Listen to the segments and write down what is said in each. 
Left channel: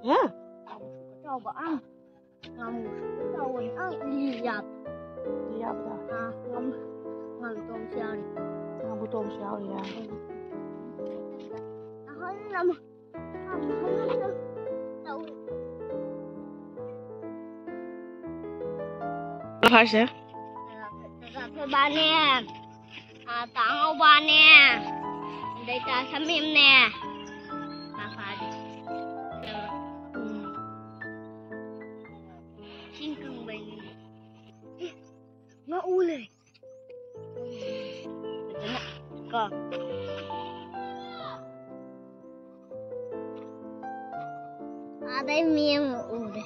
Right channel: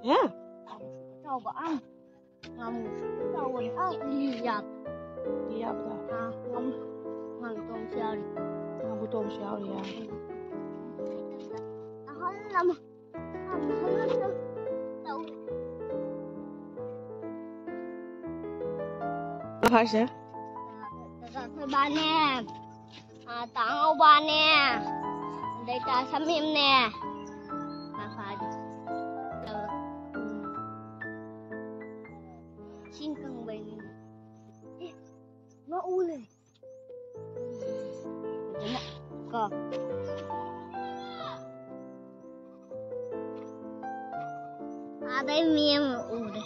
Yeah. Coba ngamu tahu lihat Lihat dah. ngam tong siang. Ngamu tong siao ya. Nama tahu. Apa sih? Ba nè, tao ba nè, đây ta xăm im nè, phải đi. Xin cần bình, nó u này, cơ. Đây miếng u đây.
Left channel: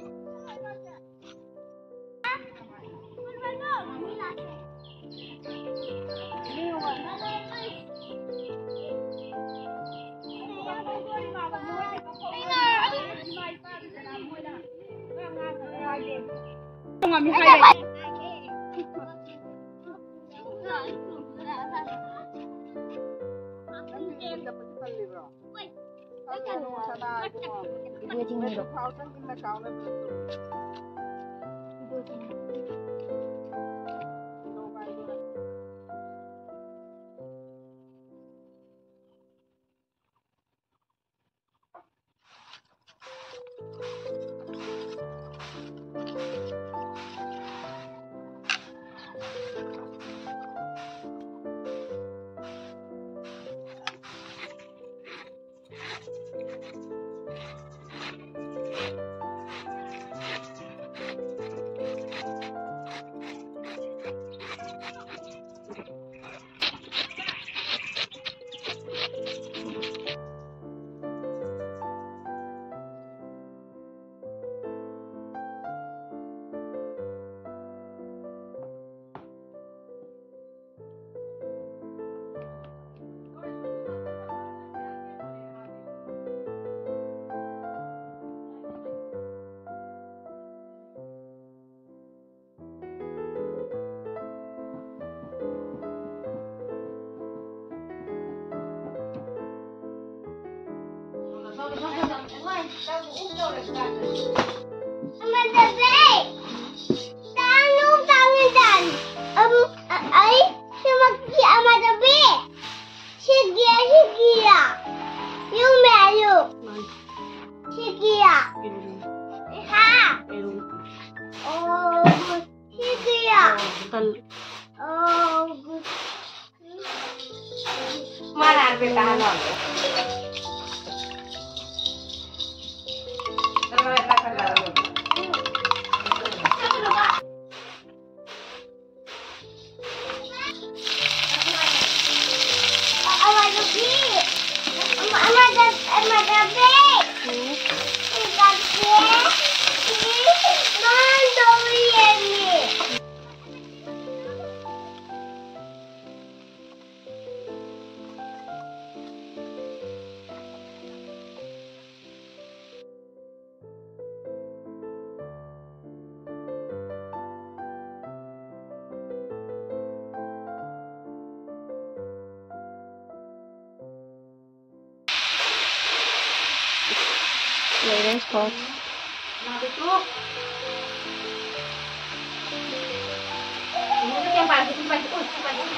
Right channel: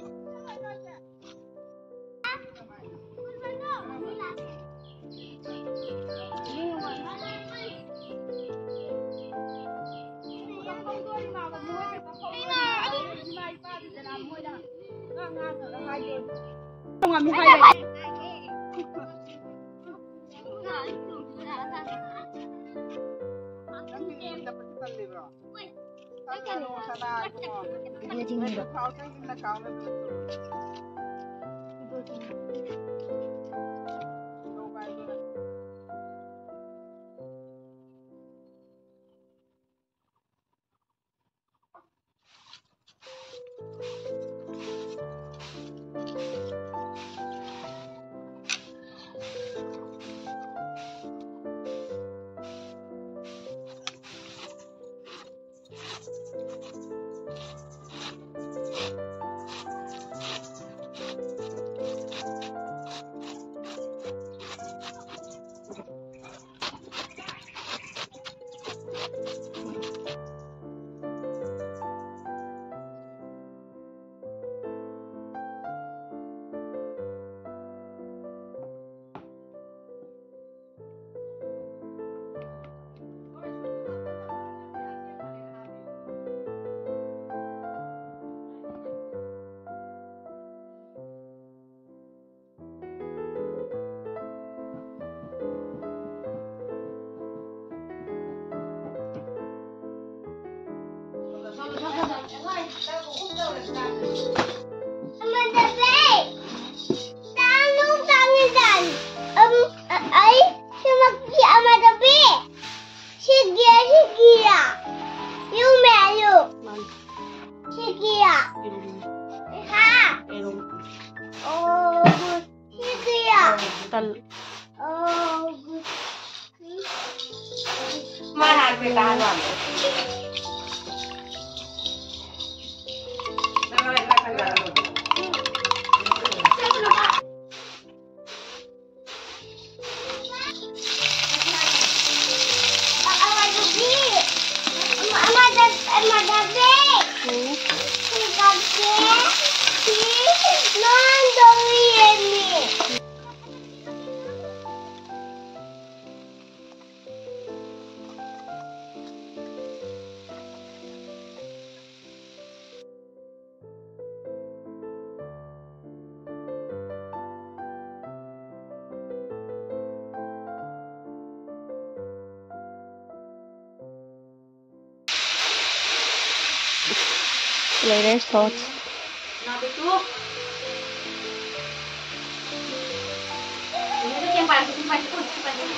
Latest thoughts.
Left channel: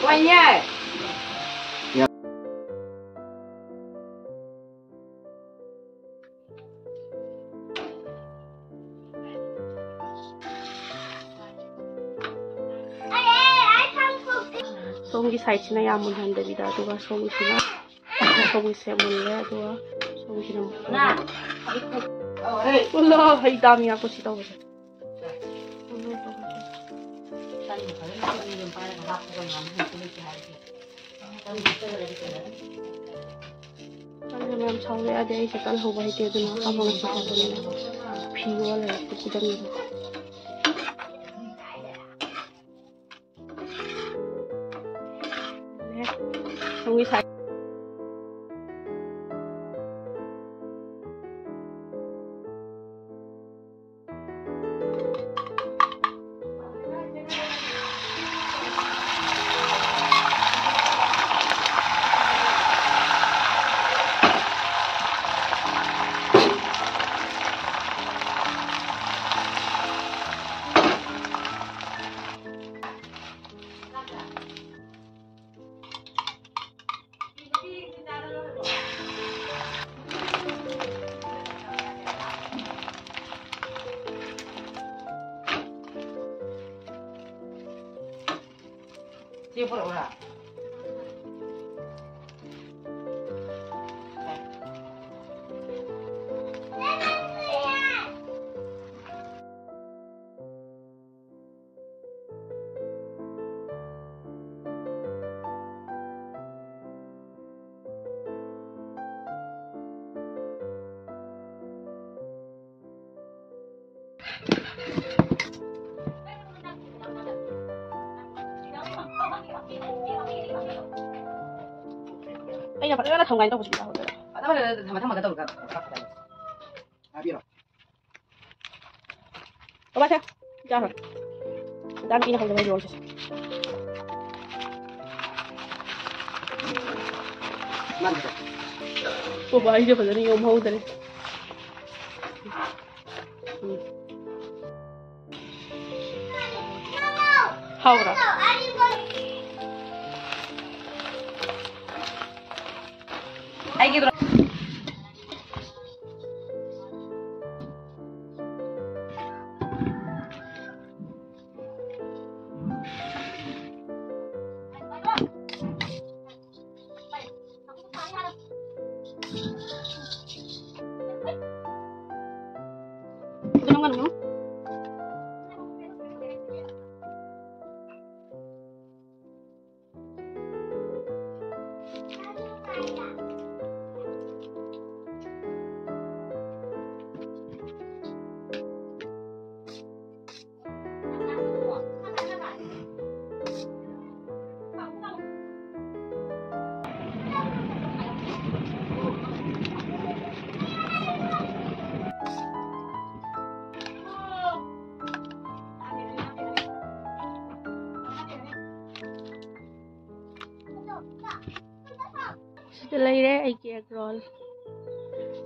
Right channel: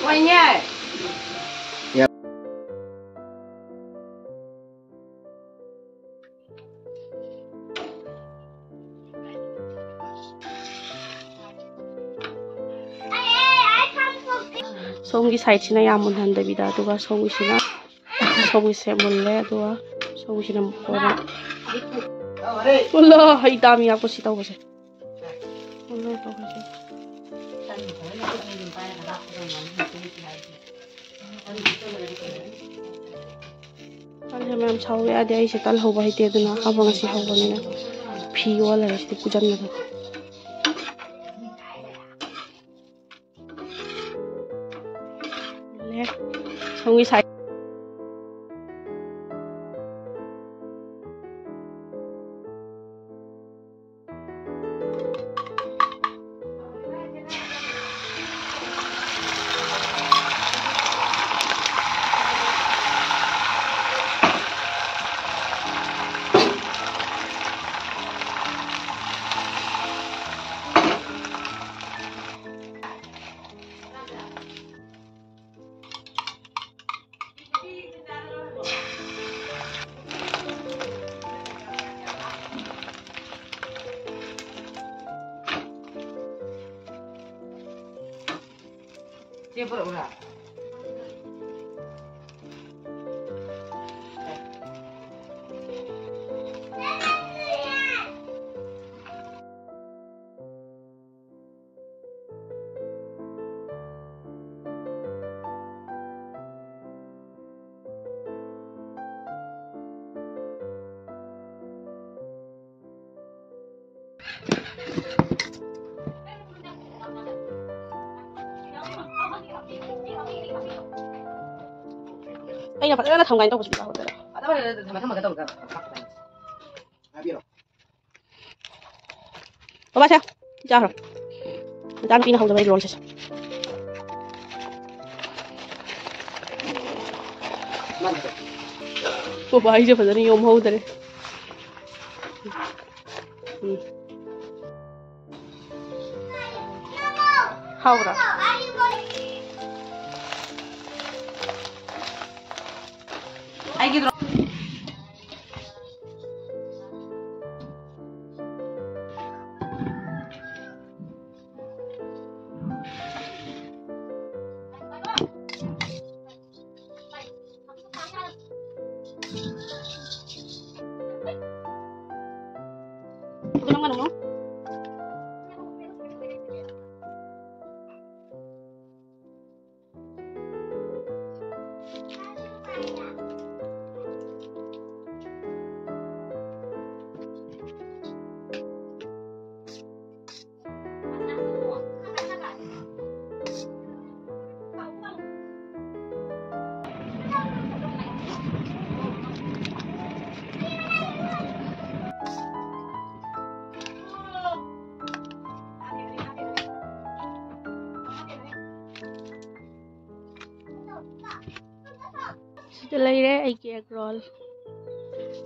Quay nha. 송이 사이치나 야문 한답니다. 누가 송이시나 송이 세물래 누가 송이시는 먹거나. Wala, ay dami ako sitaw kasi. Kaya naman sawi adi ay si tal hawa hiti ado na kabang si hawa nila. Piyo wala si pujan na to. Ang isa Anh là phải thằng ngành đâu có gì đâu. Ba sao? Ra rồi. Đang pin không được bây rồi. Cô bà ấy chưa phải đi ôm hôn rồi. Hao rồi. Ai gitu. Ano nga no? Lấy đấy ai kia roll.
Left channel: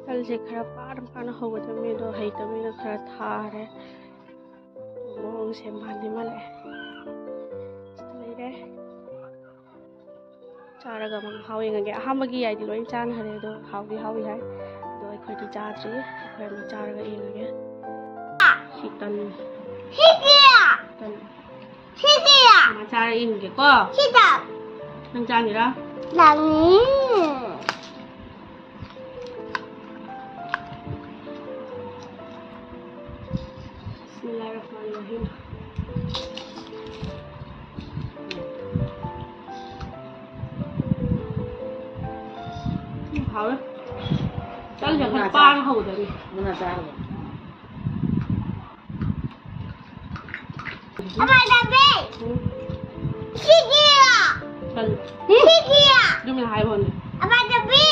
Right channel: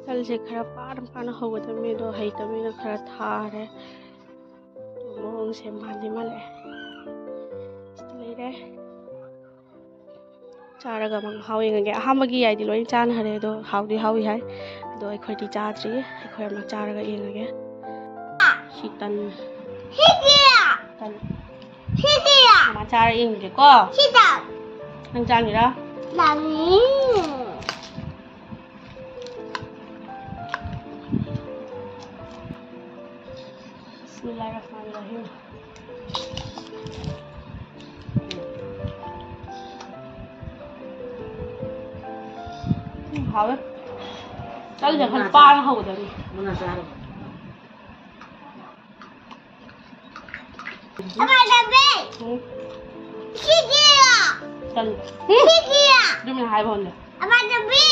Tal se khara param kana hoga tami do hai tami na khara tha re. Mong se mani male. Lấy đấy. Chara ga mang hau yang ge hamagi ai di loin chan hare do hau di hai. Do ai khoi di cha tri ai khoi ma chara ga yang ge. Sitan. Hikia. Tan. Hikia. Ma chara yang ge ko. Sita. Nang chan ni ra. Lagi. Bismillahirrahmanirrahim. Hảo đấy. Chắc là phải ba hầu rồi đi. Apa tapi? Hikia. Chân. Hikia. Nhưng mà hai phần này. Apa tapi?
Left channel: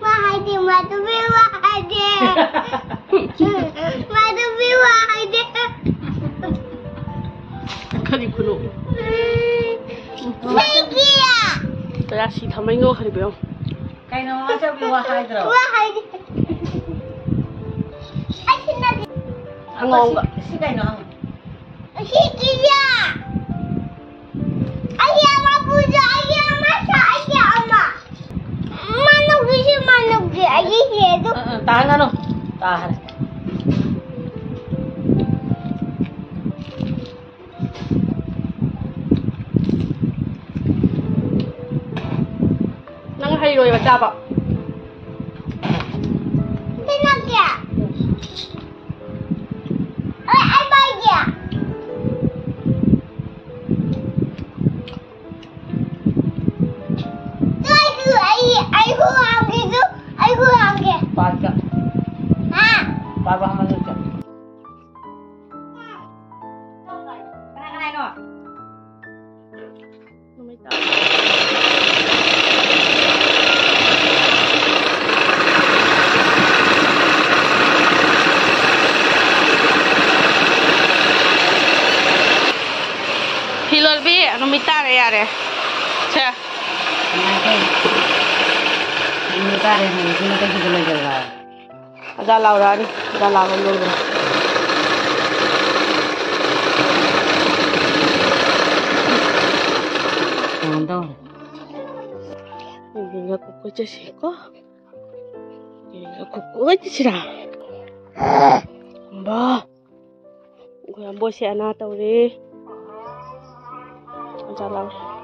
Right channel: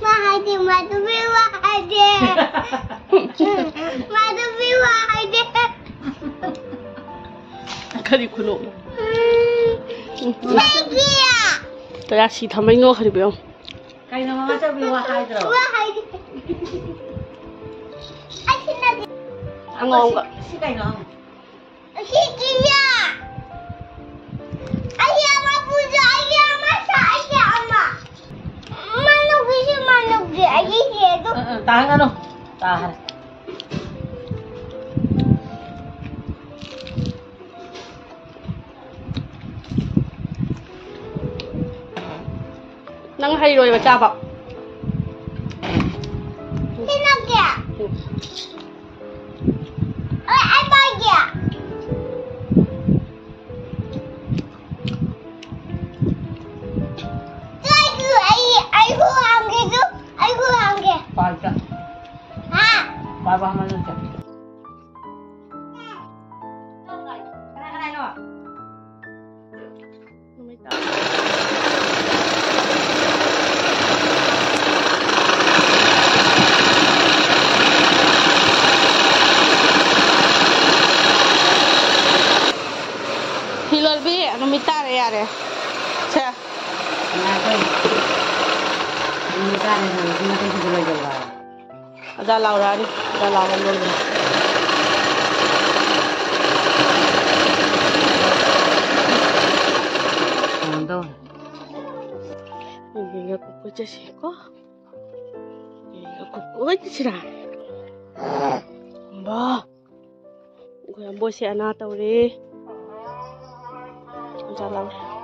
Mahadi madu mahadi. Madu mahadi. Khadi kuno. Hikia. Tôi đã xịt thầm anh ngô khadi biểu. Cái nó chắc bị hoa hai rồi. Mahadi. Asyik Ăn ngon vậy. Cái nó. Hikia. Ayah mapuja, ayah masak, ayah ama. Manuk sih manuk dia, ayah itu. Tahan ano? Tahan. Nắng hay rồi mà cha bảo. Sini dia. Ay bahagia. Ay kurang gitu, ay kurang ke. Pakai. Ha? Baba mana ke? Nó mới tạo. Hilal bi, nó mới tạo ra yaar. Cha. Ini kan ini kita juga jalan. Ada Laura ni, ada Laura dulu. Mantap. Ini aku kerja sih kok. Ini aku kerja sih lah. Mbak, gue yang bos si anak tahu deh. चलाऊ